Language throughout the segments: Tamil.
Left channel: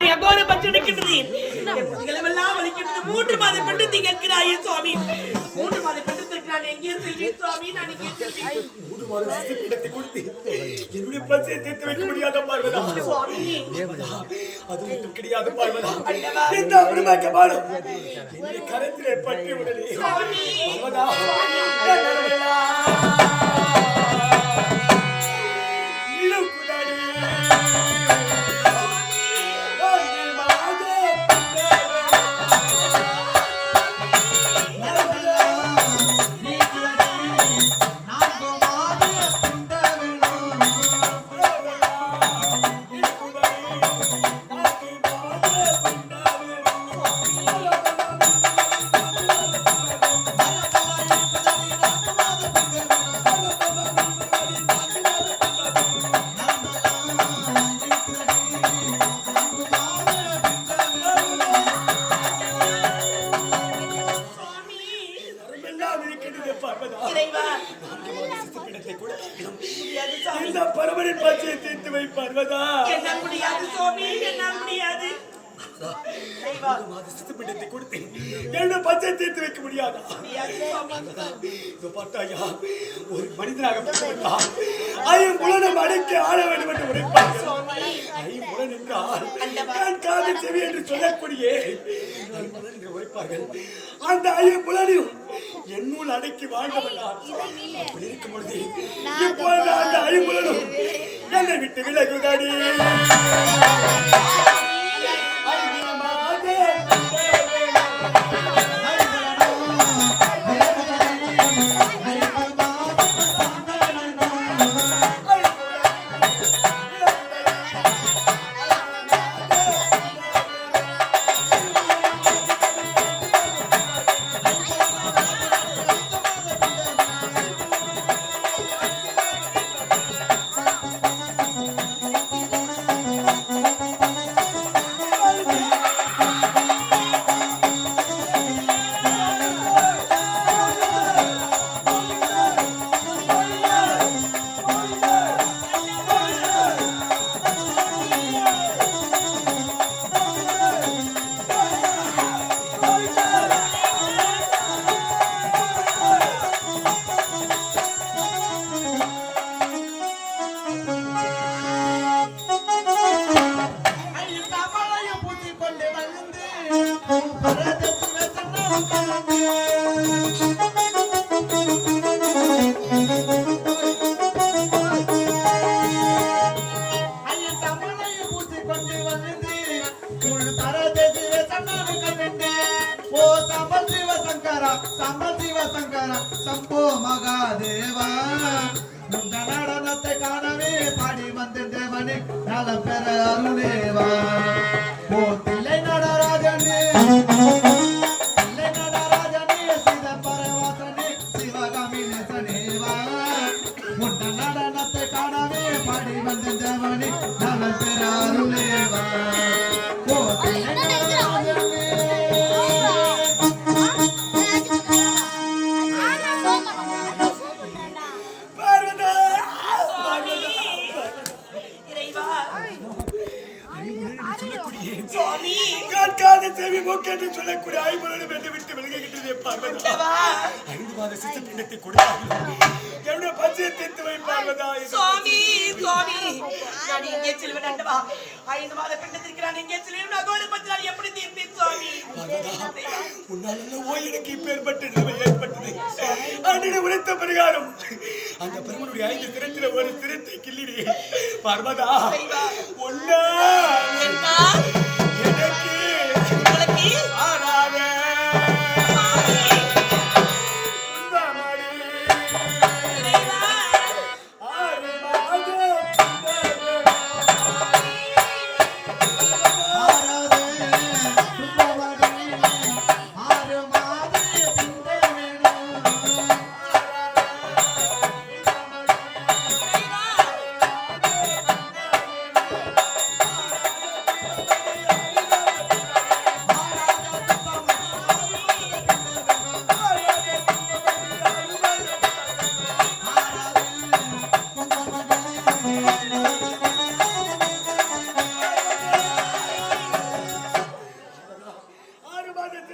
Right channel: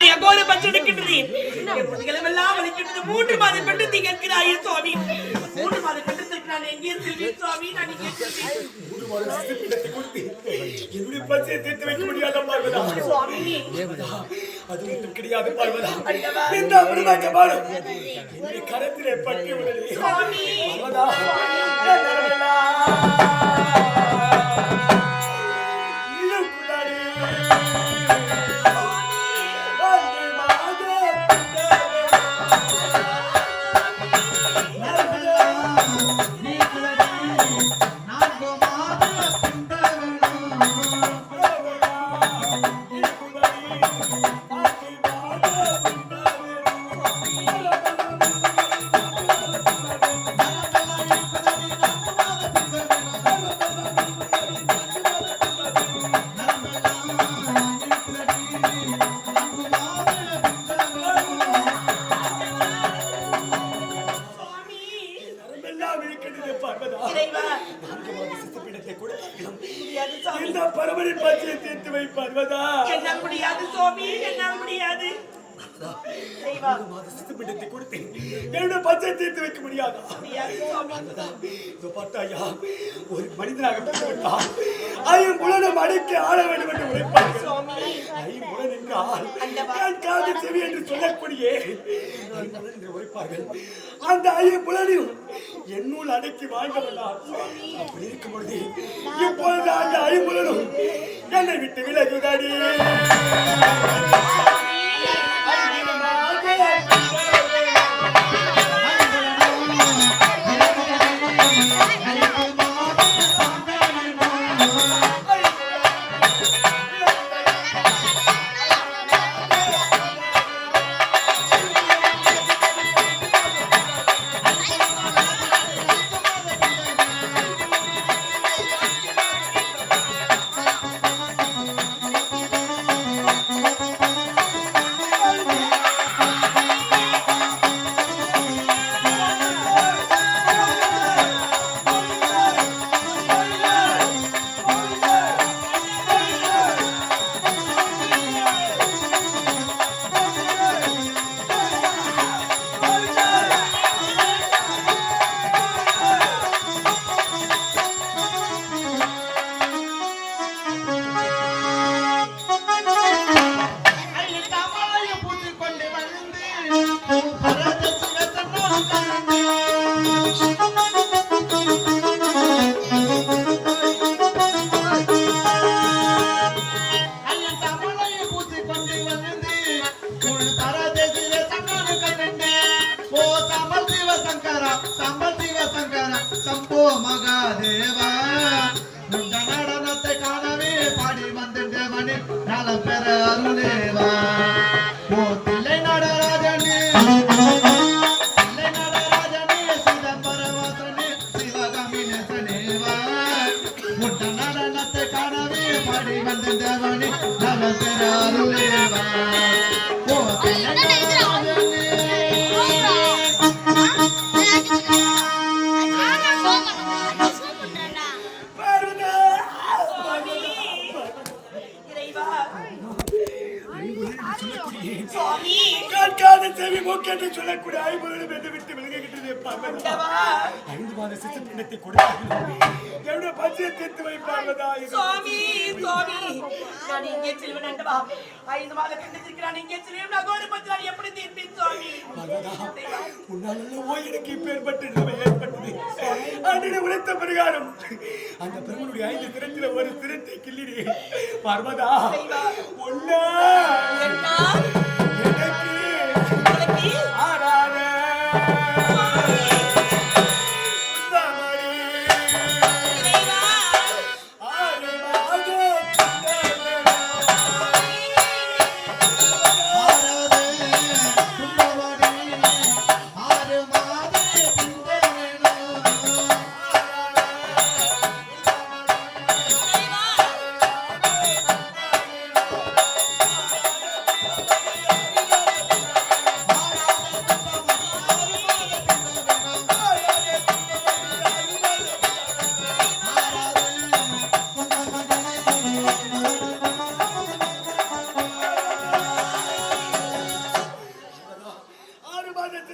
அகோர பச்சடிக்கின்றது எல்லாம் வலிக்கின்றது 3 மாதம் பெற்று திகழ்கிறாயே சுவாமி 3 மாதம் பெற்று திகழ்கிறான் எங்கே செல்வி சுவாமி நான் இங்கே 3 மாதம் சித்திரத்தை கொடுத்து என்னுடைய பச்சையை தீர்த்து வைக்க முடியாத பார்வதா சுவாமி அது மட்டும் கிடையாது பார்வதா இந்த அமிர்தமாக பாடும் என்னுடைய கரத்திலே பட்டி உடனே சுவாமி பார்வதா பரமனின் பச்சையை தீர்த்து வை பார்வதா என்னால் முடியாது சுவாமி என்னால் முடியாது சித்தப்பிண்டத்தை கொடுத்தேன் என்னுடைய பச்சை தீர்த்து வைக்க முடியாதா பார்த்தாயா ஒரு மனிதனாக பிறந்துவிட்டால் ஐம்புலனம் அடக்கி ஆள வேண்டும் என்று உரைப்பார்கள் ஐம்புலன் என்றால் கண் காது செவி என்று சொல்லக்கூடிய ஐம்புலன் என்று உரைப்பார்கள் அந்த ஐம்புலனையும் என்னுள் அடக்கி வாழ்ந்தவனார் அப்படி இருக்கும் பொழுது இப்பொழுது அந்த ஐம்புலனும் என்னை விட்டு விலகுதாடி சம்போ மகாதேவா இந்த நடனத்தை காணவே பாடி வந்திருந்தவனே நல பெற அருளேவா ஓ தில்லை நடராஜனே சிதம்பரவாசனே சிவகாமி நேசனேவா உண்ட நடனத்தை காணவே பாடி வந்திருந்தவனே நல பெற அருளேவா ஓ தில்லை நடராஜனே சொல்லக்கூடிய ஐம்புலனும் என்னை விட்டு விலகுகின்றதே பார்வதா 5 மாத சித்தப்பிண்டத்தை கொடுத்தார்கள் என்னுடைய பச்சையை தீர்த்து வை பார்வதா சுவாமி சுவாமி நான் எங்கே செல்வேன் அண்டவா 5 மாத பிண்டத்திற்கு நான் எங்கே செல்வேன் அகோர பச்சை நான் எப்படி தீர்ப்பேன் சுவாமி பார்வதா உன்னால் எனக்கு இப்பேற்பட்ட நிலைமை ஏற்பட்டது அன்றைய உரைத்த பிரகாரம் அந்த பெருமனுடைய 5 திறத்தில ஒரு திறத்தை கிள்ளினே பார்வதா ஒன்னா எனக்கு ஆராதே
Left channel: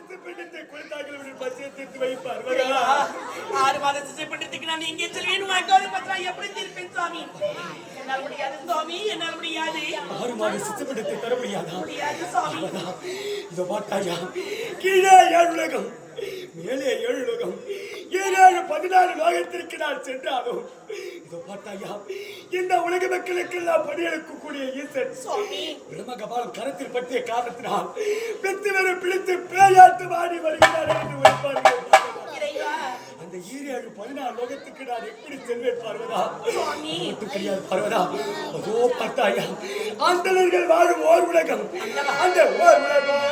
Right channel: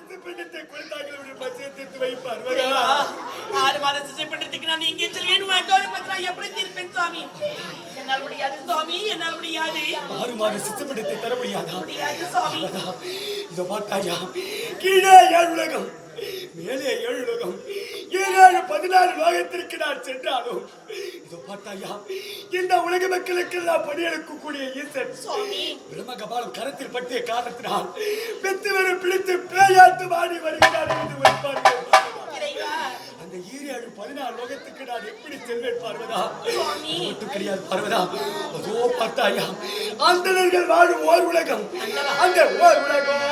சித்து பிண்டத்தை கொடுத்தார்கள் பசியை தீர்த்து வைப்பார். 6 மாத சிசை பண்றதுக்கு நான் எங்கே செல்வேன்? உன் பத்திரா எப்படி தீர்ப்பேன் சுவாமி? என்னால் முடியாது சுவாமி, என்னால் முடியாது. 6 மாத சித்து பிண்டத்தை தர முடியாதா? முடியாது சுவாமி. இதோ பார்த்தாயா, கீழே 7 உலகம், மேலே 7 உலகம், 7 14 லோகத்திற்கு நான் சென்றாலும் இதோ பார்த்தாயா, இந்த உலக மக்களுக்கெல்லாம் பணியெடுக்கக்கூடிய ஈசன் பிரம்ம கபாலம் கரத்தில் பற்றிய காரணத்தினால் பெத்து வரை பிடித்து பேயாட்டு மாடி வருகிறார் என்று உரைப்பார்கள். அந்த 7 14 லோகத்துக்கு நான் எப்படி செல்வேன் பார்வதா? மட்டும் கிடையாது பார்வதா, அதோ பார்த்தாயா, அந்தணர்கள் வாழும் ஓர் உலகம், அந்த ஓர் உலகம்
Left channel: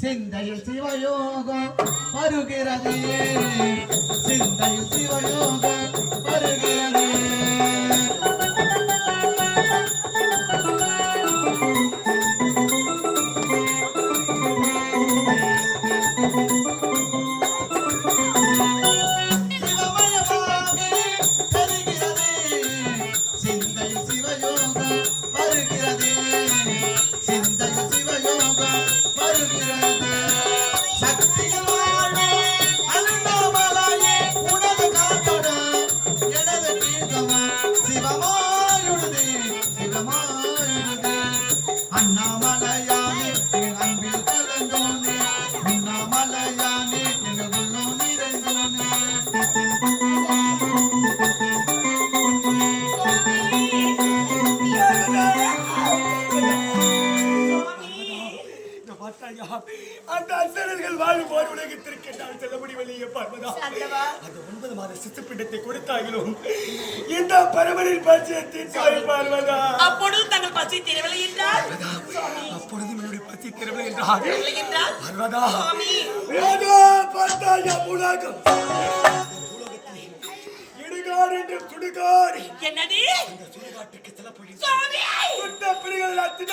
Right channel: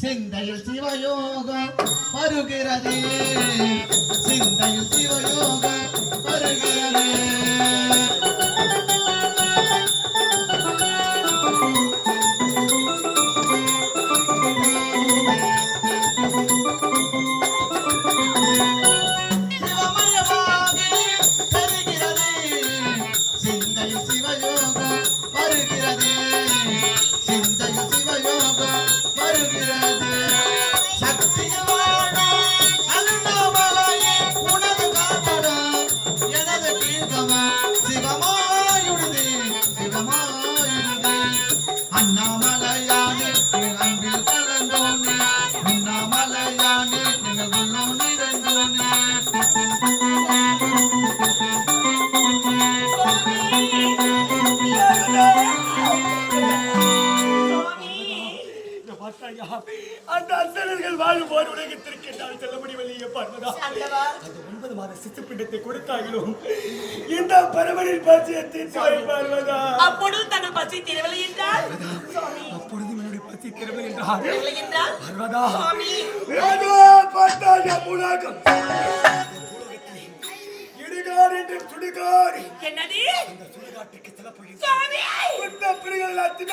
சிந்தையில் சிவயோகம் வருகிறதே, சிந்தையில் சிவயோகம் வருகிறதே. அண்ணாமலையானே அன்பில் கலந்தோனே, அண்ணாமலையானே உள்ளம் நிறைந்தோனே. அந்த அந்தணர்கள் வாழும் ஓர் உலகத்திற்கு நான் செல்ல முடியவில்லையே பார்வதா. அந்த 9 மாத சித்து பிண்டத்தை கொடுத்தாலும் இந்த பரமனின் பசியை தீர்த்து பார்வதா. அப்பொழுது தங்கள் பசி தீரவில்லை என்றால், அப்பொழுது என்னுடைய பசி தீரவில்லை என்றால் பார்வதா, அதோ பார்த்தாயா உலகம், இடுகாடு என்று சுடுகாடு. என்னது? இந்த சுடுகாட்டுக்கு செல்ல போகிறேன். சுவாமி, பிள்ளைகள் தின